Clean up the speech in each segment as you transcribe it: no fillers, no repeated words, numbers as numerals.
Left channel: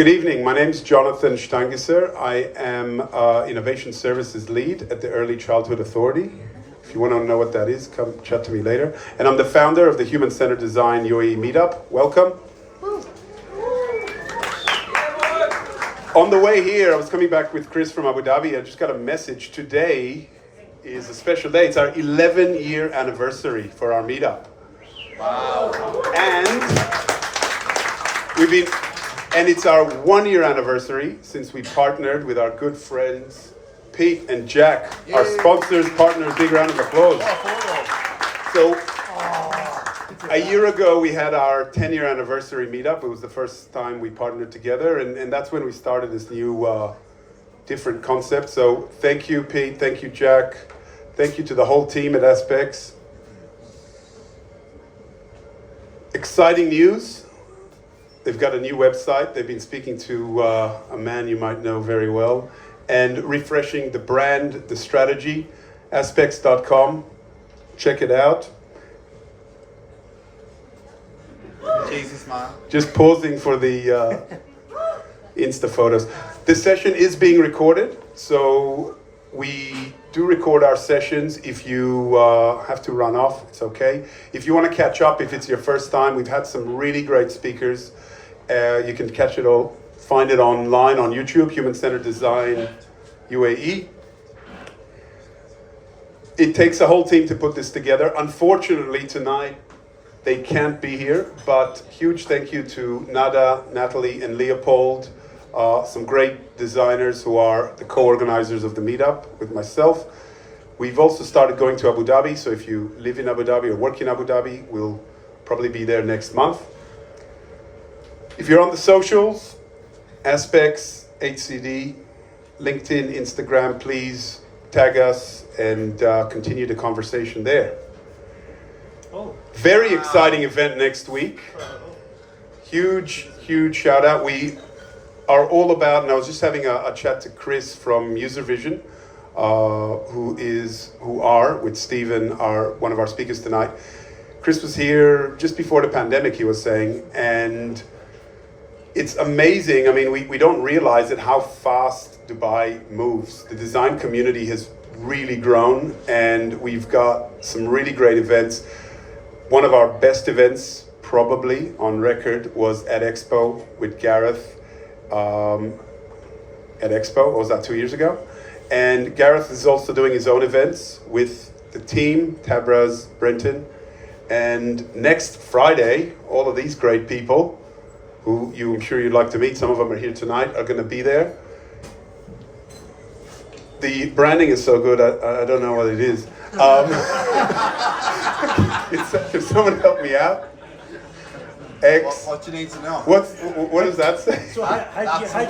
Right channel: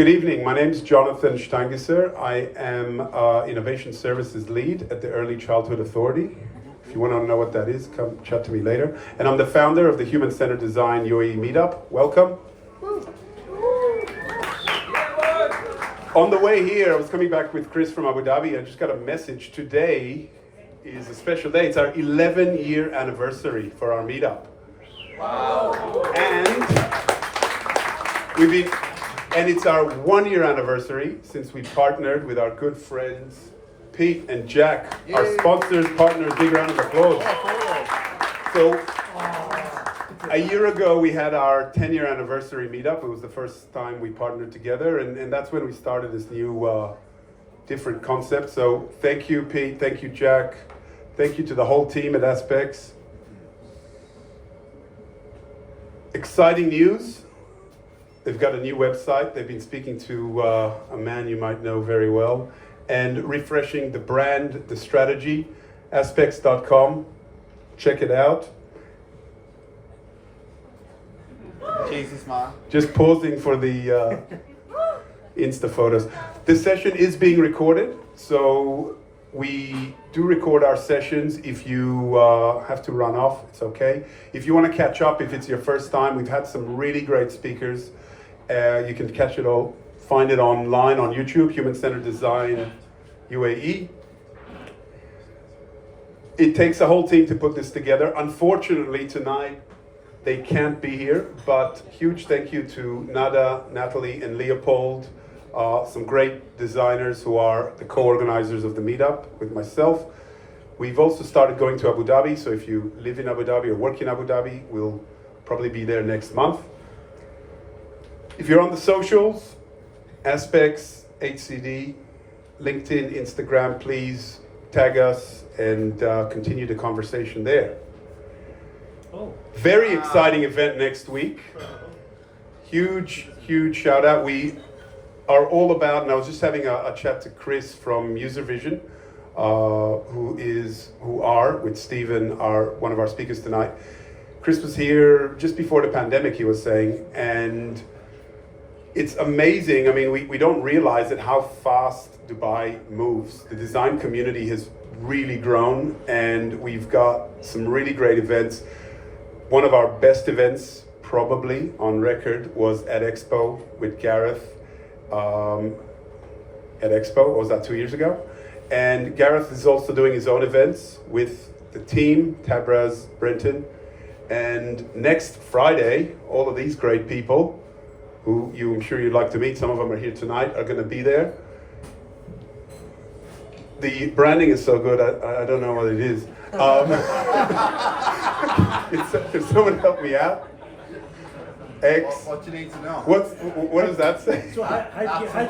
Good evening. My name is Jonathan Stangisser. I am Innovation Services Lead at the Early Childhood Authority. If you want to know what that is, come chat to me later. And I'm the founder of the Human-Centered Design UAE Meetup. Welcome. On the way here, I was coming back with Chris from Abu Dhabi. I just got a message. Today is a special day. It's our 11-year anniversary for our meetup. Wow. And it's our 1-year anniversary since we partnered with our good friends Pete and Jack, our sponsors, partners. Big round of applause. So a year ago we had our 10-year anniversary meetup. It was the first time we partnered together, and that's when we started this new different concept. So thank you, Pete. Thank you, Jack. Thank you to the whole team at Aspects. Exciting news. They've got a new website. They've been speaking to a man you might know very well, and refreshing the brand, the strategy, aspects.com. Check it out. Jesus, man. Just pausing for the Insta photos. This session is being recorded, so we do record our sessions. If you have to run off, it's okay. If you want to catch up, if it's your first time, we've had some really great speakers. You can catch it all, find it online on YouTube, Human-Centered Design UAE. It takes a whole team to put this together. Unfortunately, tonight, they can't be here, but huge thank you to Nada, Natalie, and Leopold, some great designers who are the co-organizers of the meetup with myself. We've also started going to Abu Dhabi, so if you live in Abu Dhabi or work in Abu Dhabi, we'll probably be there next month. If you're on the socials, Aspects, HCD, LinkedIn, Instagram, please tag us and continue the conversation there. Very exciting event next week. Huge shout out. We are all about, and I was just having a chat to Chris from User Vision, who are with Stephen, one of our speakers tonight. Chris was here just before the pandemic, he was saying, and it's amazing. I mean, we don't realize it, how fast Dubai moves. The design community has really grown, and we've got some really great events. One of our best events, probably on record, was at Expo with Gareth. At Expo, was that 2 years ago? And Gareth is also doing his own events with the team, Tabraz, Brenton. And next Friday, all of these great people, who I'm sure you'd like to meet, some of them are here tonight, are going to be there. The branding is so good, I don't know what it is. Can someone help me out? What do you need to know? What does that say? So That's an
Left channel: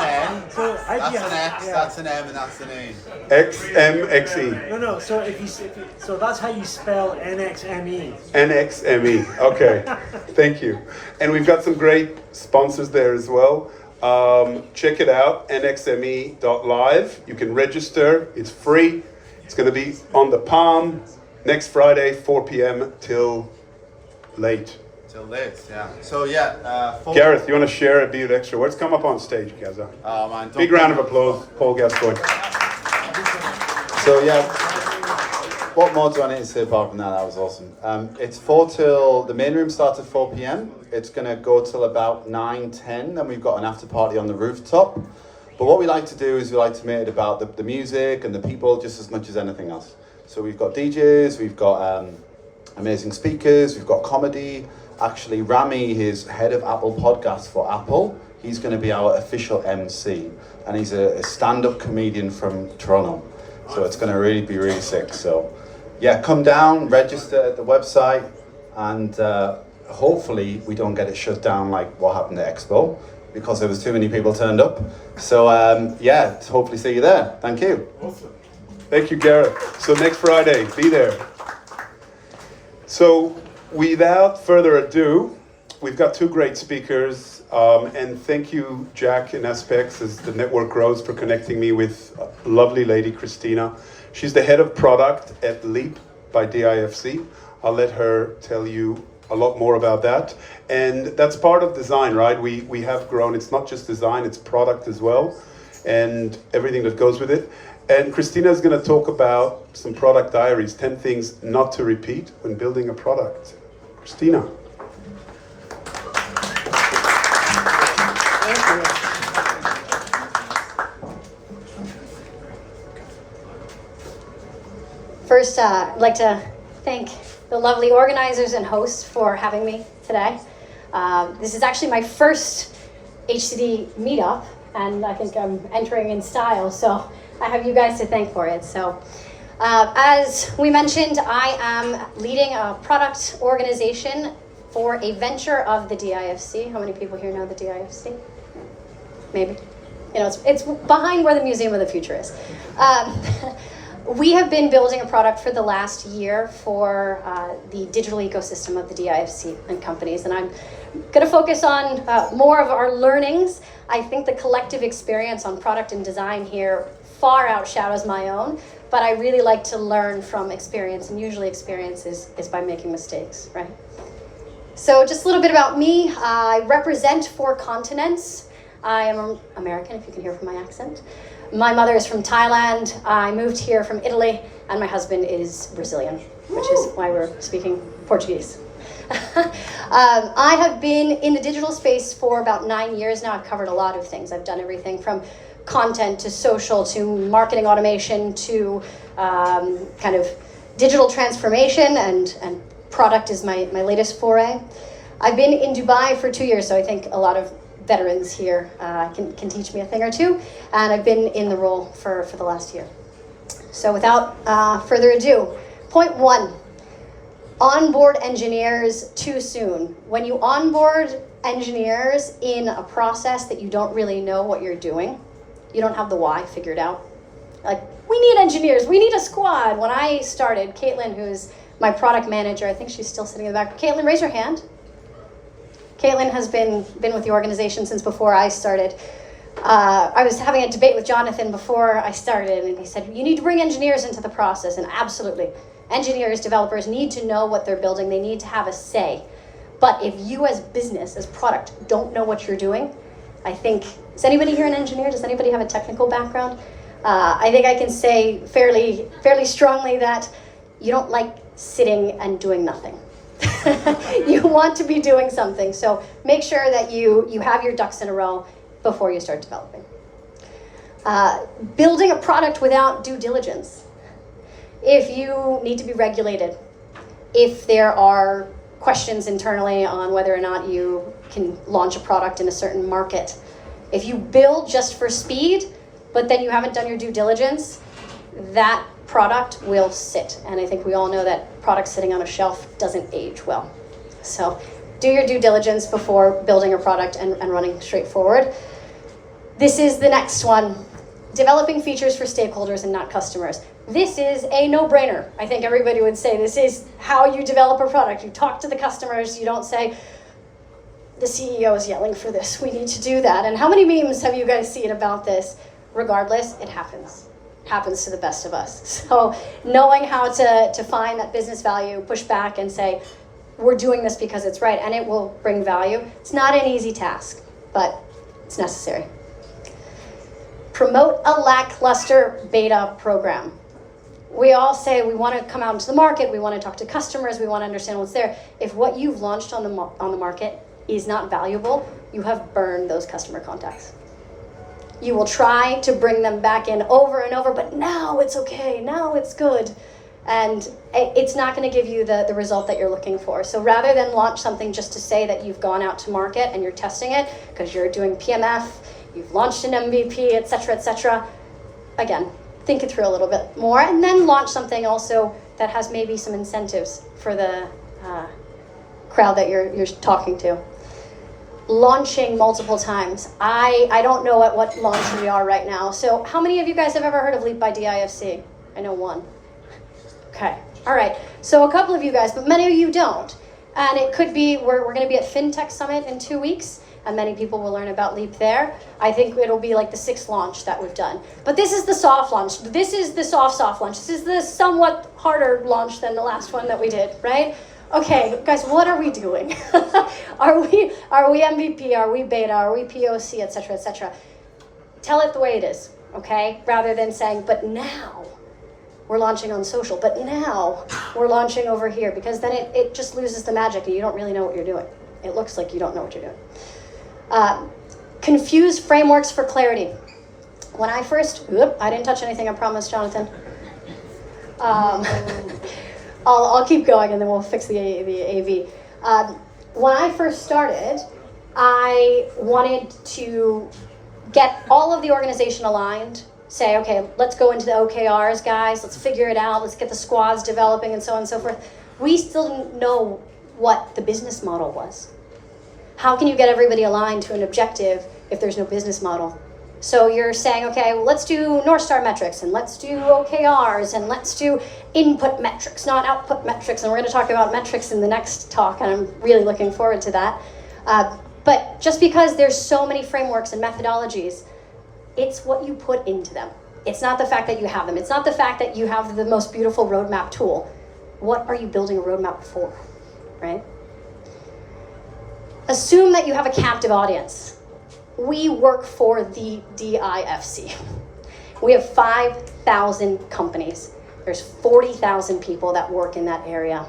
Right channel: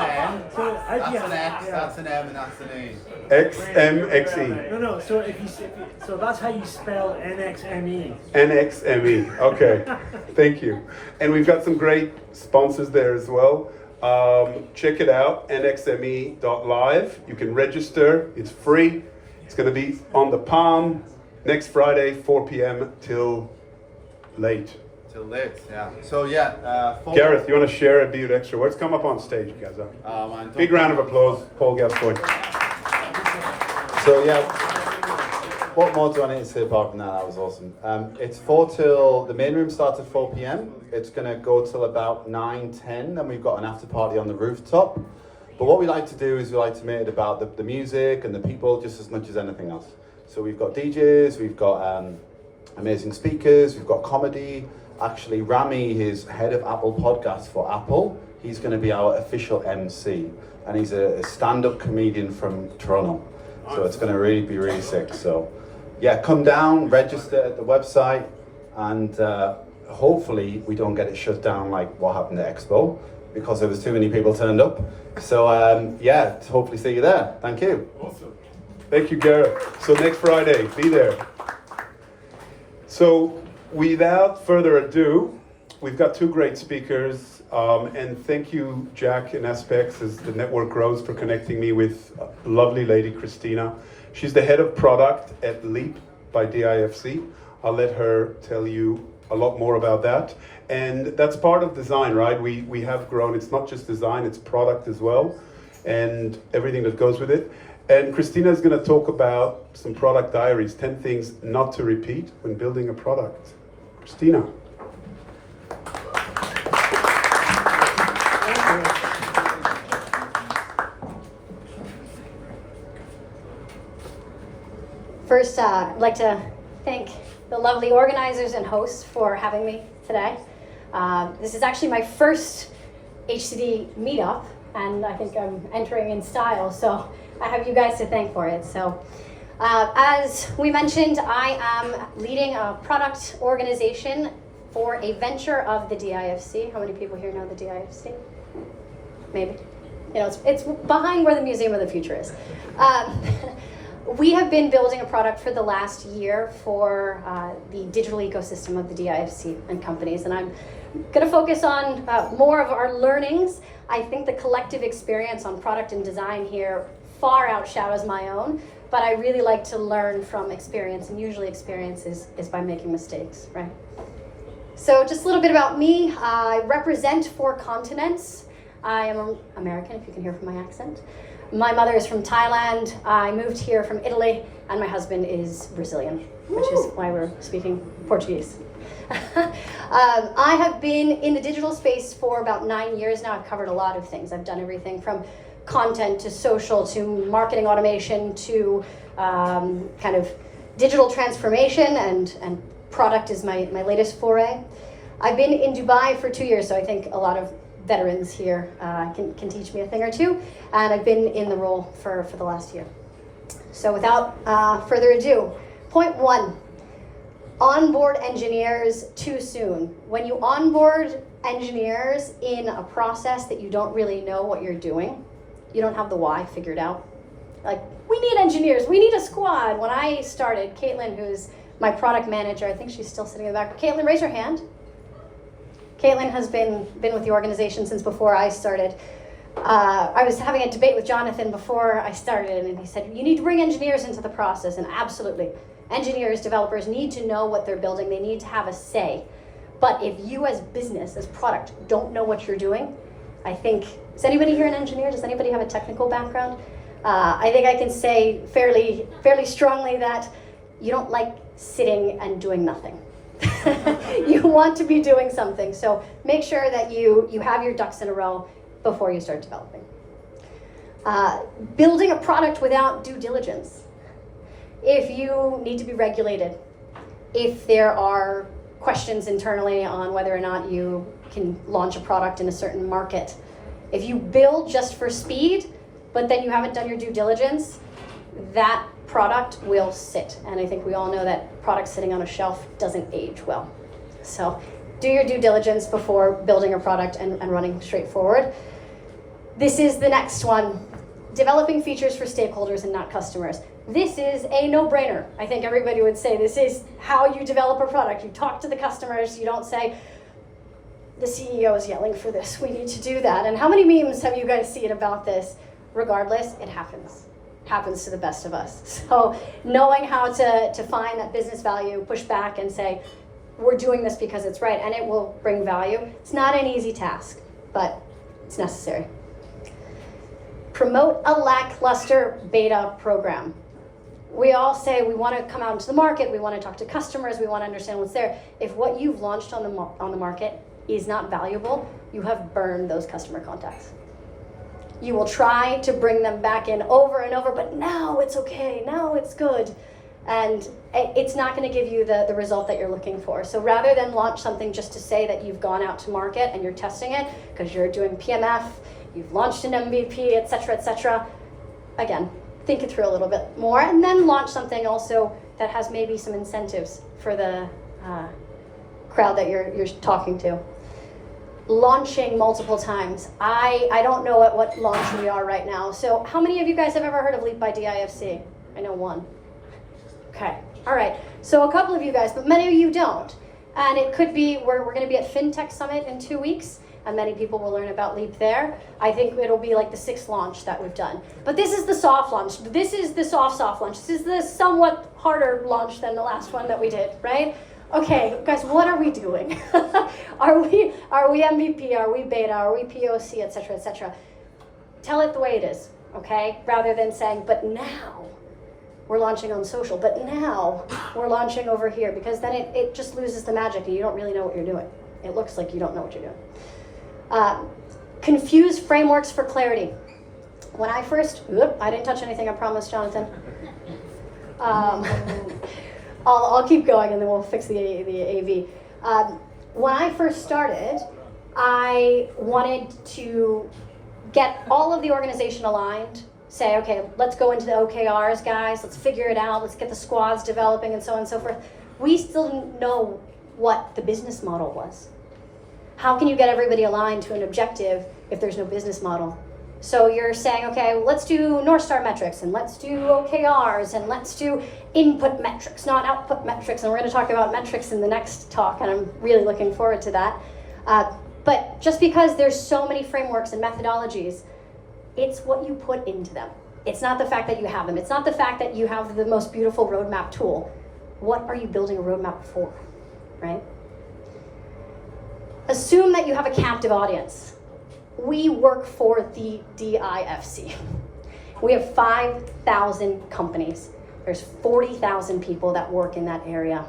N. That's an X, that's an M, and that's an E. XMXE. No. So that's how you spell NXME. NXME. Okay. Thank you. And we've got some great sponsors there as well. Check it out, nxme.live. You can register. It's free. It's going to be on the Palm next Friday, 4 p.m. till late. Till late, yeah. So Gareth, you want to share a bit extra words? Come up on stage, you guys. Oh man! Big round of applause, Paul Gascoigne. So what more do I need to say apart from that? That was awesome. It's 4 till, the main room starts at 4 p.m. It's going to go till about 9:10, then we've got an after party on the rooftop. But what we like to do is we like to make it about the music and the people just as much as anything else. So we've got DJs, we've got amazing speakers, we've got comedy. Actually, Rami is head of Apple Podcasts for Apple. He's going to be our official MC, and he's a stand-up comedian from Toronto. So it's going to really be really sick. So yeah, come down, register at the website, and hopefully we don't get it shut down like what happened at Expo, because there was too many people turned up. So yeah, hopefully see you there. Thank you. Awesome. Thank you, Gareth. So next Friday, be there. So without further ado, we've got two great speakers, and thank you, Jack and Aspects, as the network grows, for connecting me with a lovely lady, Christina. She's the head of product at Leap by DIFC. I'll let her tell you a lot more about that. And that's part of design, right? We have grown. It's not just design, it's product as well, and everything that goes with it. And Christina is going to talk about some product diaries, 10 things not to repeat when building a product. Christina. First, I'd like to thank the lovely organizers and hosts for having me today. This is actually my first HCD meetup, and I think I'm entering in style, so I have you guys to thank for it. So, as we mentioned, I am leading a product organization for a venture of the DIFC. How many people here know the DIFC? Maybe. You know, it's behind where the Museum of the Future is. We have been building a product for the last year for the digital ecosystem of the DIFC and companies, and I'm going to focus on more of our learnings. I think the collective experience on product and design here far outshadows my own, but I really like to learn from experience, and usually experience is by making mistakes, right? So just a little bit about me. I represent 4 continents. I am American, if you can hear from my accent. My mother is from Thailand. I moved here from Italy, and my husband is Brazilian, which is why we're speaking Portuguese. I have been in the digital space for about 9 years now. I've covered a lot of things. I've done everything from content to social to marketing automation to kind of digital transformation, and product is my latest foray. I've been in Dubai for 2 years, so I think a lot of veterans here can teach me a thing or two, and I've been in the role for the last year. So without further ado, point 1, onboard engineers too soon. When you onboard engineers in a process that you don't really know what you're doing, you don't have the why figured out. Like, we need engineers, we need a squad. When I started, Caitlin, who's my product manager, I think she's still sitting in the back. Caitlin, raise your hand. Caitlin has been with the organization since before I started. I was having a debate with Jonathan before I started, and he said, you need to bring engineers into the process, and absolutely. Engineers, developers need to know what they're building. They need to have a say. But if you as business, as product, don't know what you're doing, I think, is anybody here an engineer? Does anybody have a technical background? I think I can say fairly strongly that you don't like sitting and doing nothing. You want to be doing something, so make sure that you have your ducks in a row before you start developing. Building a product without due diligence. If you need to be regulated, if there are questions internally on whether or not you can launch a product in a certain market, if you build just for speed, but then you haven't done your due diligence, that product will sit. And I think we all know that product sitting on a shelf doesn't age well. So do your due diligence before building a product and running straight forward. This is the next one. Developing features for stakeholders and not customers. This is a no-brainer. I think everybody would say this is how you develop a product. You talk to the customers, you don't say, the CEO is yelling for this, we need to do that. And how many memes have you guys seen about this? Regardless, it happens. Happens to the best of us. So knowing how to find that business value, push back and say, we're doing this because it's right, and it will bring value. It's not an easy task, but it's necessary. Promote a lackluster beta program. We all say we want to come out into the market, we want to talk to customers, we want to understand what's there. If what you've launched on the market is not valuable, you have burned those customer contacts. You will try to bring them back in over and over, but now it's okay, now it's good. And it's not going to give you the result that you're looking for. So rather than launch something just to say that you've gone out to market and you're testing it, because you're doing PMF, you've launched an MVP, et cetera, again, think it through a little bit more, and then launch something also that has maybe some incentives for the crowd that you're talking to. Launching multiple times. I don't know at what launch we are right now. So how many of you guys have ever heard of Leap by DIFC? I know one. Okay, all right. So a couple of you guys, but many of you don't. And it could be, we're going to be at FinTech Summit in 2 weeks, and many people will learn about Leap there. I think it'll be like the 6th launch that we've done. But this is the soft launch. This is the soft launch. This is the somewhat harder launch than the last one that we did, right? okay, guys, what are we doing? Are we MVP? Are we beta? Are we POC, et cetera, et cetera? Tell it the way it is, okay? Rather than saying, but now we're launching on social, but now we're launching over here, because then it just loses the magic and you don't really know what you're doing. It looks like you don't know what you're doing. Confuse frameworks for clarity. When I first, I didn't touch anything, I promise, Jonathan. I'll keep going and then we'll fix the AV. When I first started, I wanted to get all of the organization aligned, say, okay, let's go into the OKRs, guys, let's figure it out, let's get the squads developing and so on and so forth. We still didn't know what the business model was. How can you get everybody aligned to an objective if there's no business model? So you're saying, okay, well, let's do North Star metrics, and let's do OKRs, and let's do input metrics, not output metrics, and we're going to talk about metrics in the next talk, and I'm really looking forward to that. But just because there's so many frameworks and methodologies, it's what you put into them. It's not the fact that you have them. It's not the fact that you have the most beautiful roadmap tool. What are you building a roadmap for, right? Assume that you have a captive audience. We work for the DIFC. We have 5,000 companies. There's 40,000 people that work in that area.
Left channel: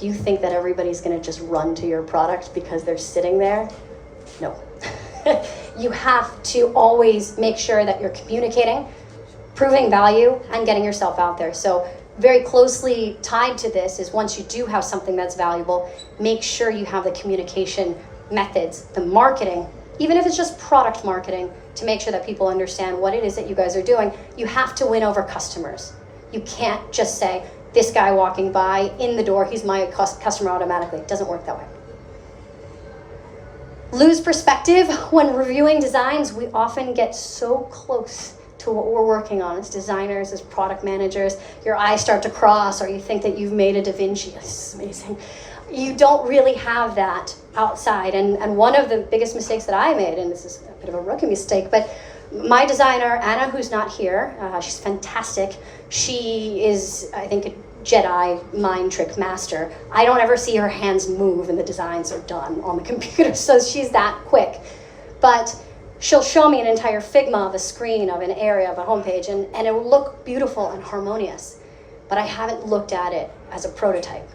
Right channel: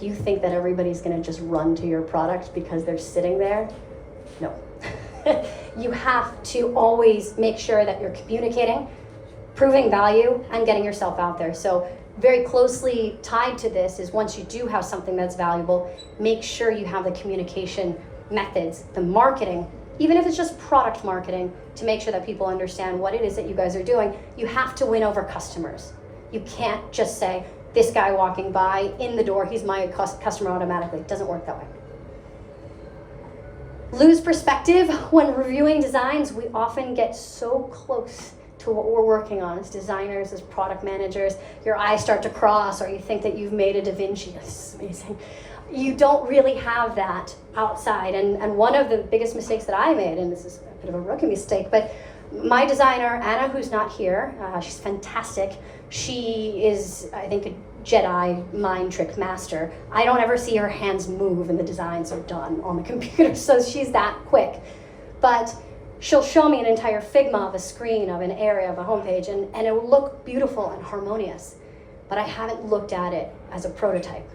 Do you think that everybody's gonna just run to your product because they're sitting there? No. You have to always make sure that you're communicating, proving value, and getting yourself out there. So very closely tied to this is, once you do have something that's valuable, make sure you have the communication methods, the marketing, even if it's just product marketing, to make sure that people understand what it is that you guys are doing. You have to win over customers. You can't just say, this guy walking by in the door, he's my customer automatically. It doesn't work that way. Lose perspective. When reviewing designs, we often get so close to what we're working on as designers, as product managers. Your eyes start to cross, or you think that you've made a Da Vinci. This is amazing. You don't really have that outside. And one of the biggest mistakes that I made, and this is a bit of a rookie mistake, but my designer, Anna, who's not here, she's fantastic. She is, I think, a Jedi mind trick master. I don't ever see her hands move and the designs are done on the computer, so she's that quick. But she'll show me an entire Figma of a screen of an area of a homepage, and it will look beautiful and harmonious. But I haven't looked at it as a prototype.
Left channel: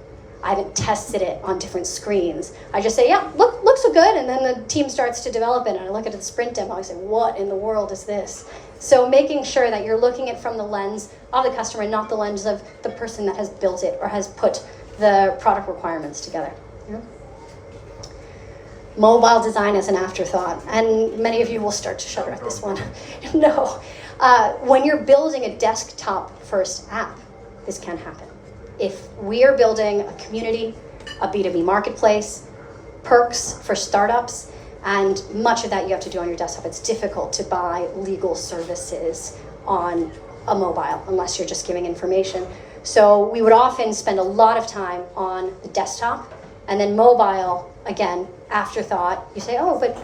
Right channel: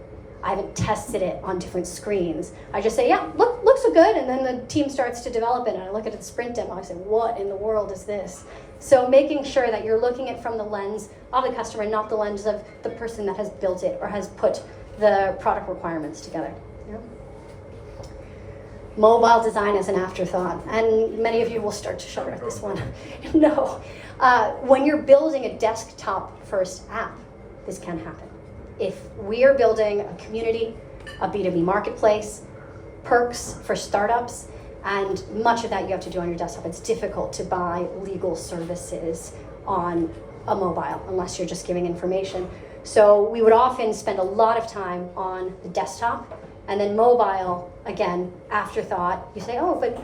I haven't tested it on different screens. I just say, yeah, looks so good, and then the team starts to develop it, and I look at the sprint demo, I say, what in the world is this? So making sure that you're looking at it from the lens of the customer, not the lens of the person that has built it or has put the product requirements together. Yeah. Mobile design is an afterthought, and many of you will start to shudder at this one. No, when you're building a desktop first app, this can happen. If we are building a community, a B2B marketplace, perks for startups, and much of that you have to do on your desktop. It's difficult to buy legal services on a mobile unless you're just giving information. So we would often spend a lot of time on the desktop, and then mobile, again, afterthought. You say, oh, but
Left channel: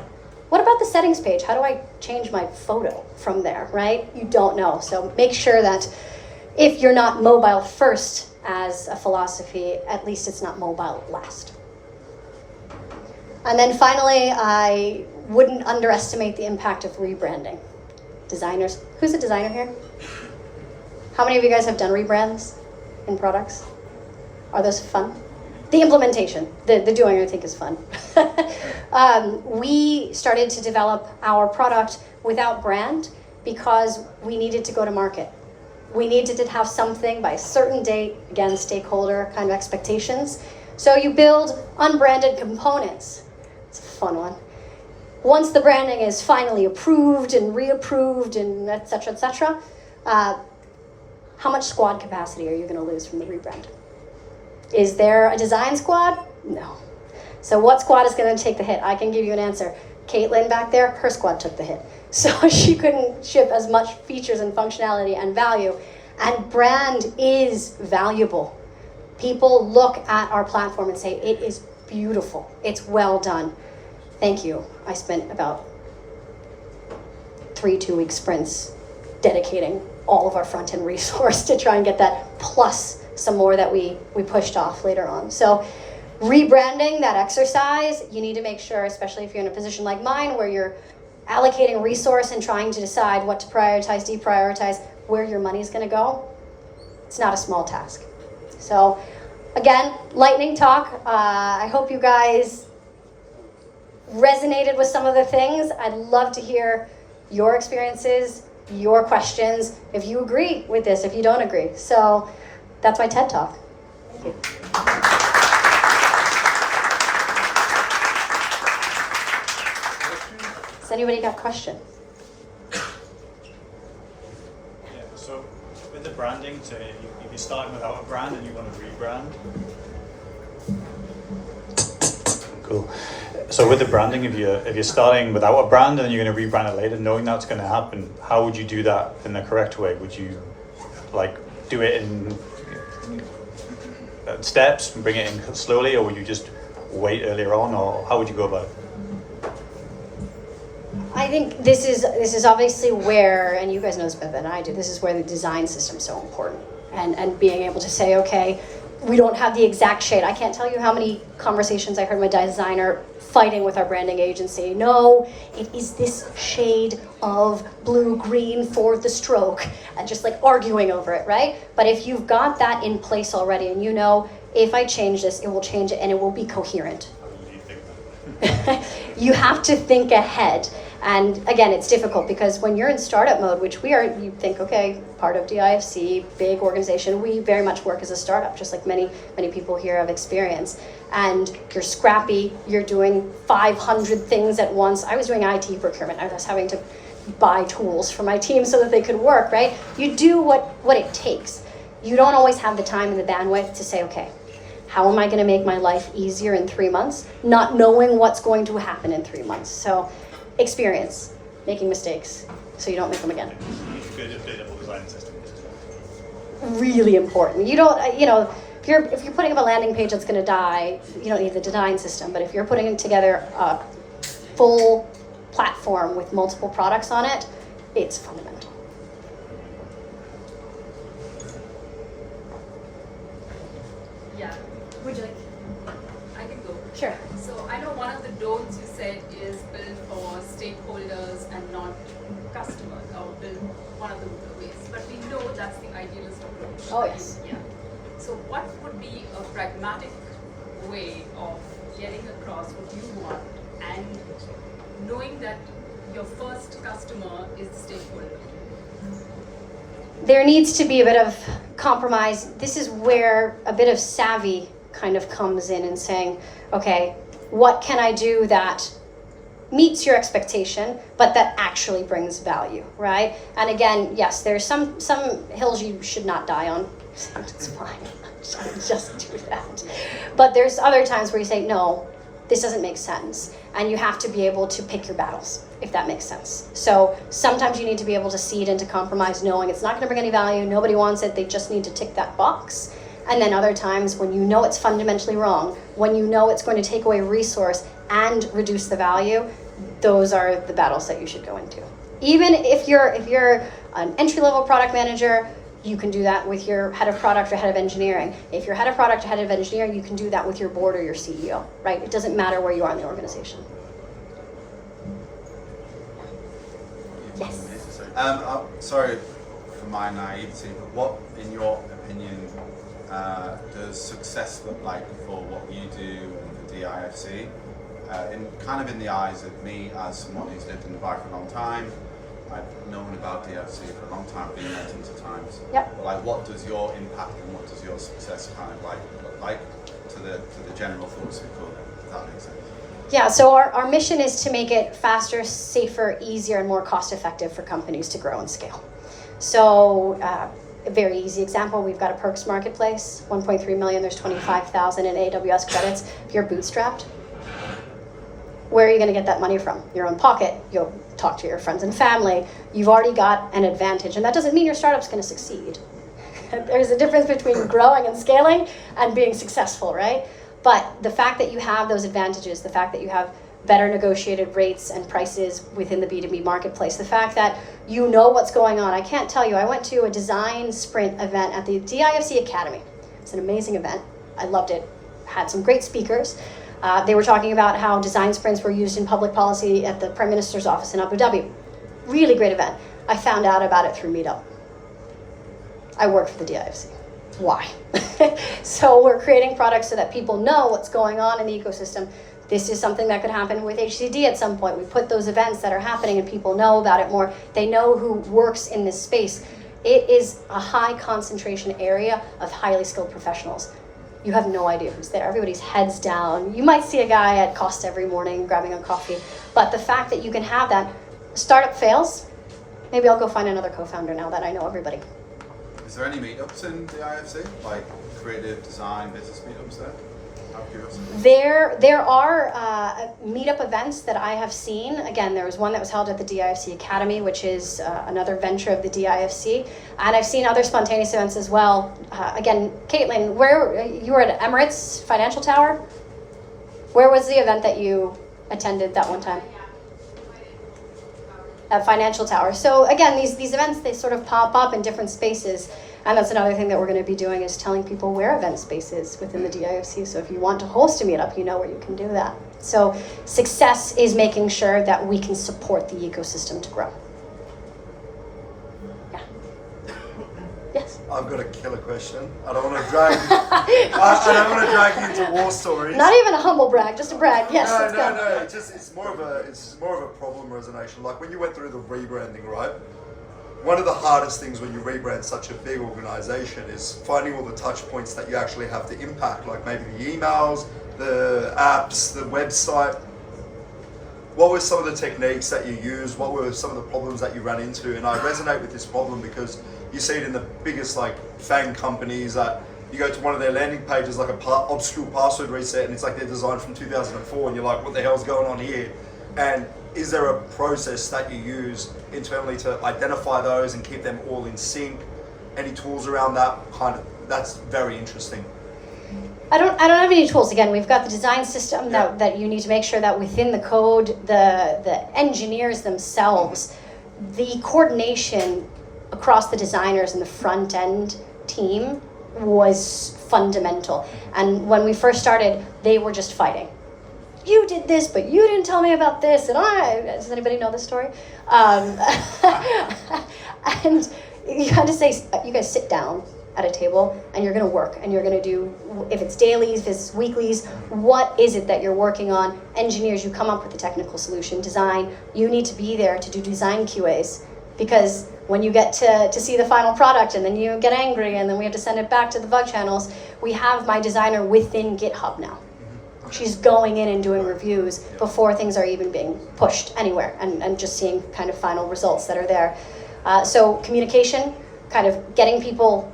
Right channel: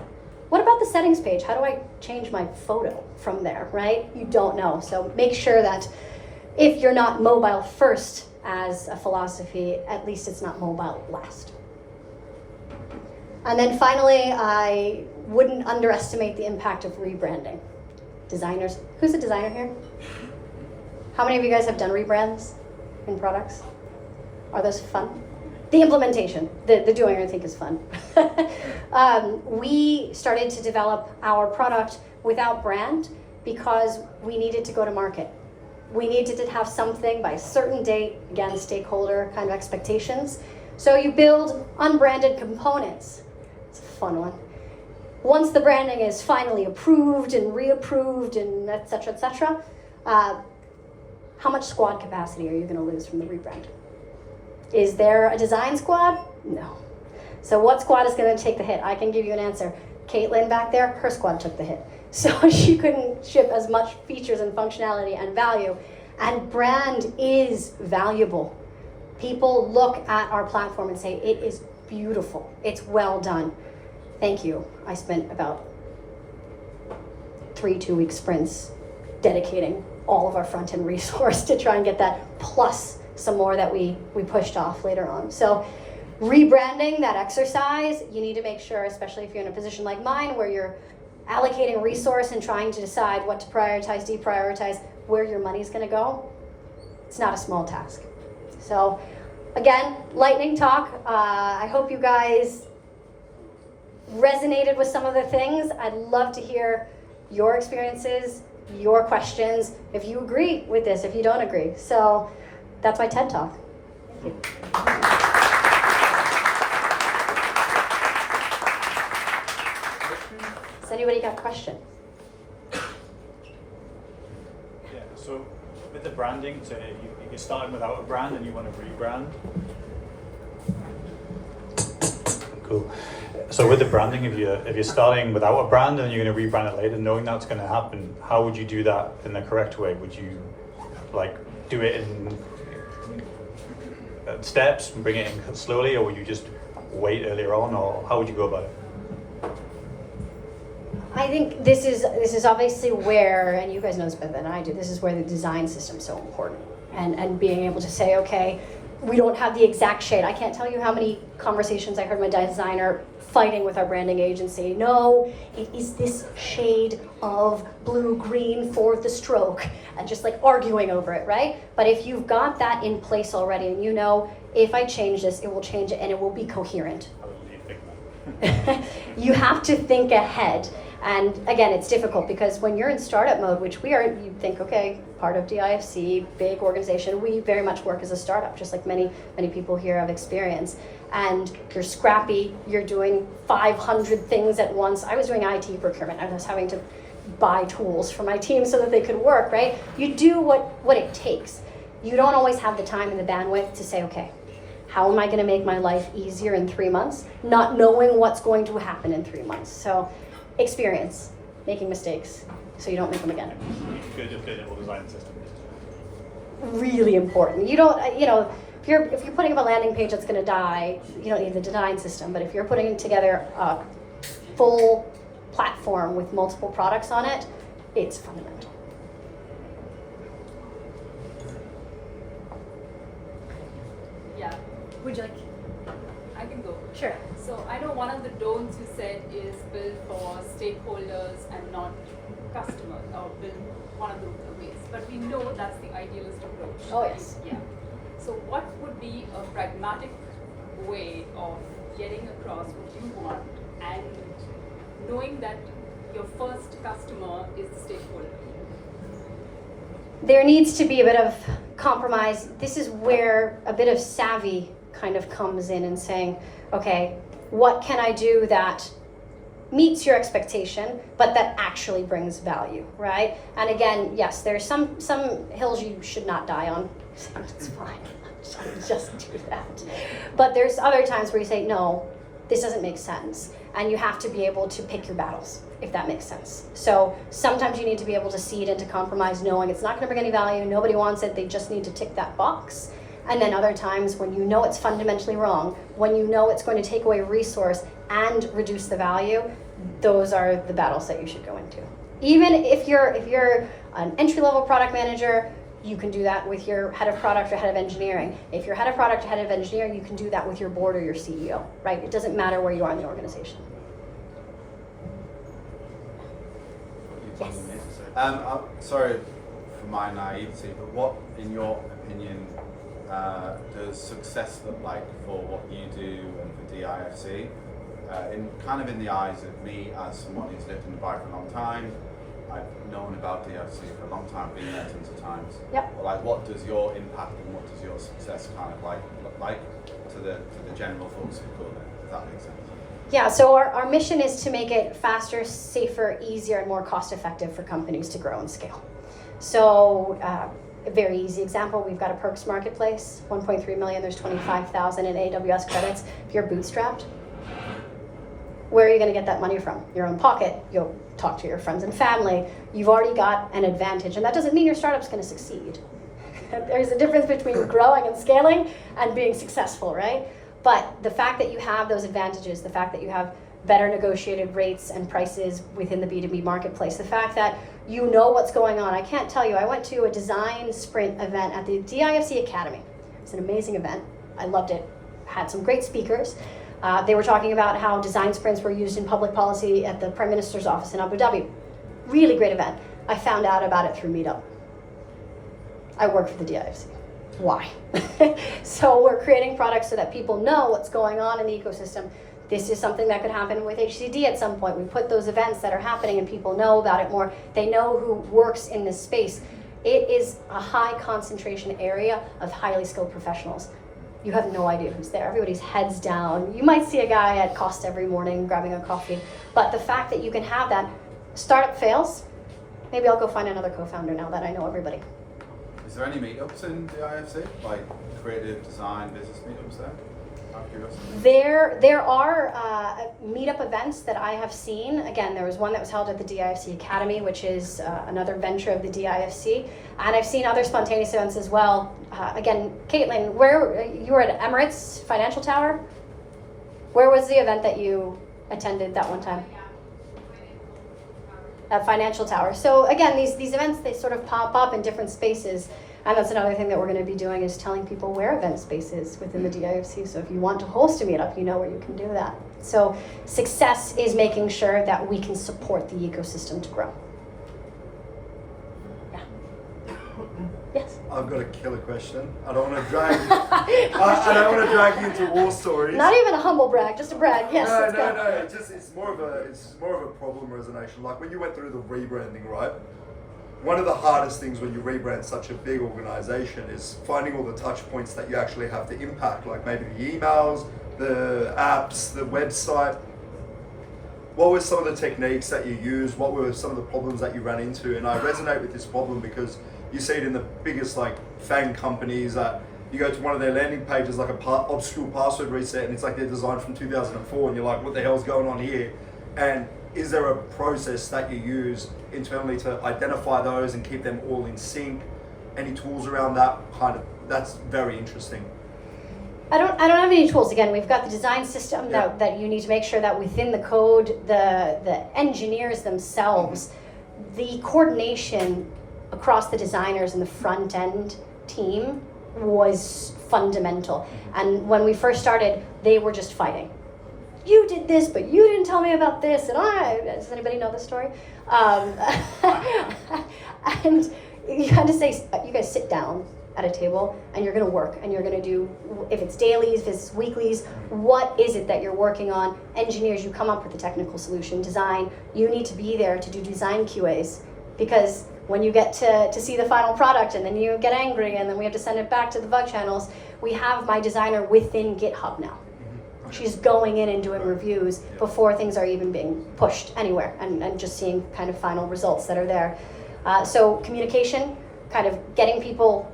what about the settings page? How do I change my photo from there, right? You don't know. So make sure that if you're not mobile first as a philosophy, at least it's not mobile last. And then finally, I wouldn't underestimate the impact of rebranding. Designers, who's a designer here? How many of you guys have done rebrands in products? Are those fun? The implementation, the doing, I think, is fun. We started to develop our product without brand because we needed to go to market. We needed to have something by a certain date, again, stakeholder kind of expectations. So you build unbranded components. It's a fun one. Once the branding is finally approved and reapproved and et cetera, how much squad capacity are you going to lose from the rebrand? Is there a design squad? No. So what squad is going to take the hit? I can give you an answer. Caitlin back there, her squad took the hit. So she couldn't ship as much features and functionality and value. And brand is valuable. People look at our platform and say, it is beautiful. It's well done. Thank you. I spent about 3 2-week sprints dedicating all of our front-end resource to try and get that plus some more that we pushed off later on. So rebranding, that exercise, you need to make sure, especially if you're in a position like mine where you're allocating resource and trying to decide what to prioritize, deprioritize, where your money's gonna go. It's not a small task. So again, lightning talk. I hope you guys resonated with some of the things. I'd love to hear your experiences, your questions, if you agree with this, if you don't agree. So that's my TED Talk. Thank you. Has anybody got a question? Yeah, so with the branding, if you're starting without a brand and you want to rebrand. Cool. So with the branding, if you're starting without a brand and you're going to rebrand it later, knowing that's going to happen, how would you do that in the correct way? Would you like do it in steps and bring it in slowly, or would you just wait earlier on, or how would you go about it? I think this is obviously where, and you guys know this better than I do, this is where the design system is so important. And being able to say, okay, we don't have the exact shade. I can't tell you how many conversations I heard my designer fighting with our branding agency. No, it is this shade of blue-green for the stroke, and just like arguing over it, right? But if you've got that in place already, and you know, if I change this, it will change it and it will be coherent. You have to think ahead. And again, it's difficult because when you're in startup mode, which we are, you think, okay, part of DIFC, big organization, we very much work as a startup, just like many people here have experience. And you're scrappy, you're doing 500 things at once. I was doing IT procurement. I was having to buy tools for my team so that they could work, right? You do what it takes. You don't always have the time and the bandwidth to say, okay, how am I going to make my life easier in 3 months? Not knowing what's going to happen in 3 months. So experience, making mistakes, so you don't make them again. Good design system. Really important. You don't, you know, if you're putting up a landing page that's going to die, you don't need the design system. But if you're putting together a full platform with multiple products on it, it's fundamental. Yeah. Would you like? I can go. Sure. So I know one of the don'ts you said is build for stakeholders and not customers, or build one of the ways. But we know that's the idealist approach. Oh, yes. Yeah. So what would be a pragmatic way of getting across what you want and knowing that your first customer is the stakeholder? There needs to be a bit of compromise. This is where a bit of savvy kind of comes in and saying, okay, what can I do that meets your expectation, but that actually brings value, right? And again, yes, there's some hills you should not die on. It's fine, just do that. But there's other times where you say, no, this doesn't make sense. And you have to be able to pick your battles, if that makes sense. So sometimes you need to be able to cede into compromise, knowing it's not gonna bring any value, nobody wants it, they just need to tick that box. And then other times when you know it's fundamentally wrong, when you know it's going to take away resource and reduce the value, those are the battles that you should go into. Even if you're an entry-level product manager, you can do that with your head of product or head of engineering. If you're head of product or head of engineering, you can do that with your board or your CEO, right? It doesn't matter where you are in the organization. Yes. Sorry for my naivety, but what, in your opinion, does success look like for what you do and for DIFC? In the eyes of me as someone who's lived in Dubai for a long time, I've known about DIFC for a long time, been there tons of times. Yep. But like, what does your impact and what does your success kind of look like to the general folks who go there? If that makes sense. Yeah, so our mission is to make it faster, safer, easier, and more cost-effective for companies to grow and scale. So a very easy example, we've got a perks marketplace, 1.3 million, there's 25,000 in AWS credits. If you're bootstrapped, where are you going to get that money from? Your own pocket. You'll talk to your friends and family. You've already got an advantage, and that doesn't mean your startup's going to succeed. There's a difference between growing and scaling and being successful, right? But the fact that you have those advantages, the fact that you have better negotiated rates and prices within the B2B marketplace, the fact that you know what's going on. I can't tell you, I went to a design sprint event at the DIFC Academy It's an amazing event. I loved it. Had some great speakers. They were talking about how design sprints were used in public policy at the Prime Minister's office in Abu Dhabi. Really great event. I found out about it through Meetup. I work for the DIFC. Why? So we're creating products so that people know what's going on in the ecosystem. This is something that could happen with HCD at some point. We put those events that are happening and people know about it more. They know who works in this space. It is a high concentration area of highly skilled professionals. You have no idea who's there. Everybody's heads down. You might see a guy at Costa every morning grabbing a coffee, but the fact that you can have that, startup fails, maybe I'll go find another co-founder now that I know everybody. Is there any meetups in the IFC, like creative design business meetups there? Out of curiosity. There are meetup events that I have seen. Again, there was one that was held at the DIFC Academy, which is another venture of the DIFC, and I've seen other spontaneous events as well. Again, Caitlin, where you were at Emirates Financial Tower? Where was the event that you attended that one time? At Financial Tower. So again, these events, they sort of pop up in different spaces. And that's another thing that we're going to be doing, is telling people where event space is within the DIFC. So if you want to host a meetup, you know where you can do that. So success is making sure that we can support the ecosystem to grow. Yeah. Yes. I've got a killer question. I don't want to drag I don't want to drag you into war stories. Not even a humble brag, just a brag. Yes. let's go. No. It's more of a problem resonation. Like when you went through the rebranding, right? One of the hardest things when you rebrand such a big organization is finding all the touch points that you actually have to impact, like maybe the emails, the apps, the website. What were some of the techniques that you used? What were some of the problems that you ran into? And I resonate with this problem because you see it in the biggest like FANG companies that you go to one of their landing pages, like obscure password reset, and it's like they're designed from 2004, and you're like, what the hell's going on here? And is there a process that you use internally to identify those and keep them all in sync? Any tools around that that's very interesting. I don't have any tools. Again, we've got the design system that you need to make sure that within the code, the engineers themselves, the coordination across the designers and the front end team was fundamental. And when we first started, they were just fighting. You did this, but you didn't tell me about this, and does anybody know this story? And you had to say, you guys sit down at a table, and you're gonna work, and you're gonna do, if it's dailies, if it's weeklies, what is it that you're working on? Engineers, you come up with the technical solution. Design, you need to be there to do design QAs, because when you get to see the final product, and then you get angry, and then we have to send it back to the bug channels, we have my designer within GitHub now. She's going in and doing reviews before things are even being pushed anywhere, and just seeing kind of final results that are there. So communication, kind of getting people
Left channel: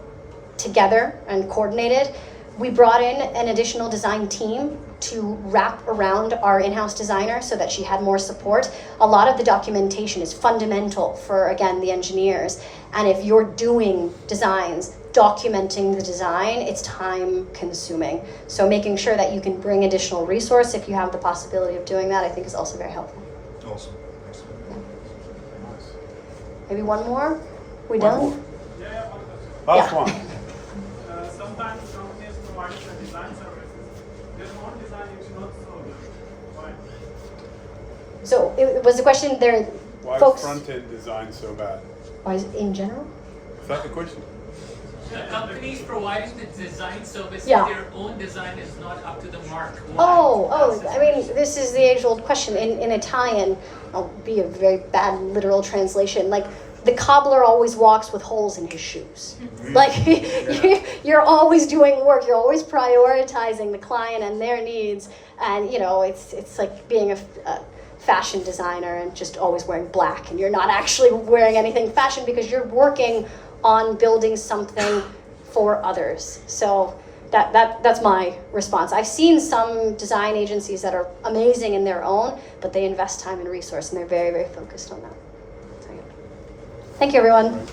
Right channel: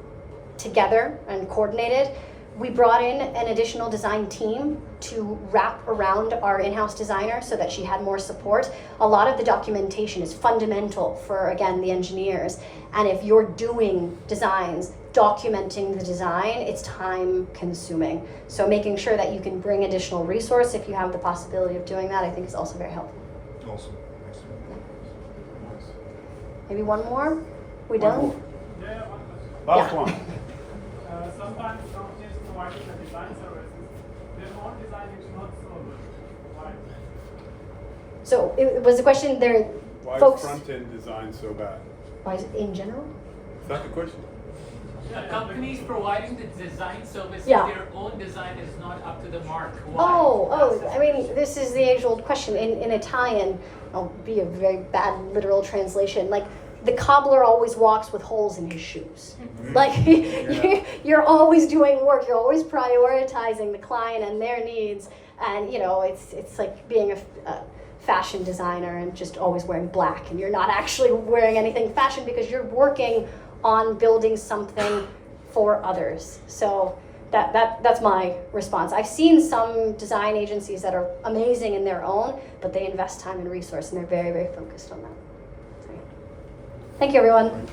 together and coordinated. We brought in an additional design team to wrap around our in-house designer so that she had more support. A lot of the documentation is fundamental for, again, the engineers. And if you're doing designs, documenting the design, it's time consuming. So making sure that you can bring additional resource if you have the possibility of doing that, I think is also very helpful. Awesome. Maybe one more? We done? Last one. Sometimes companies provide the design services. They don't design, it's not so good. Why? So it was the question there, Why folks. is front-end design so bad? Why is it in general? Is that the question? Companies providing the design service, Yeah. their own design is not up to the mark. Why? I mean, this is the age-old question. In Italian, I'll be a very bad literal translation, like, the cobbler always walks with holes in his shoes. Like, you're always doing work, you're always prioritizing the client and their needs, and it's like being a fashion designer and just always wearing black, and you're not actually wearing anything fashion because you're working on building something for others. So that's my response. I've seen some design agencies that are amazing in their own, but they invest time and resource, and they're very, very focused on that. So, yeah. Thank you, everyone.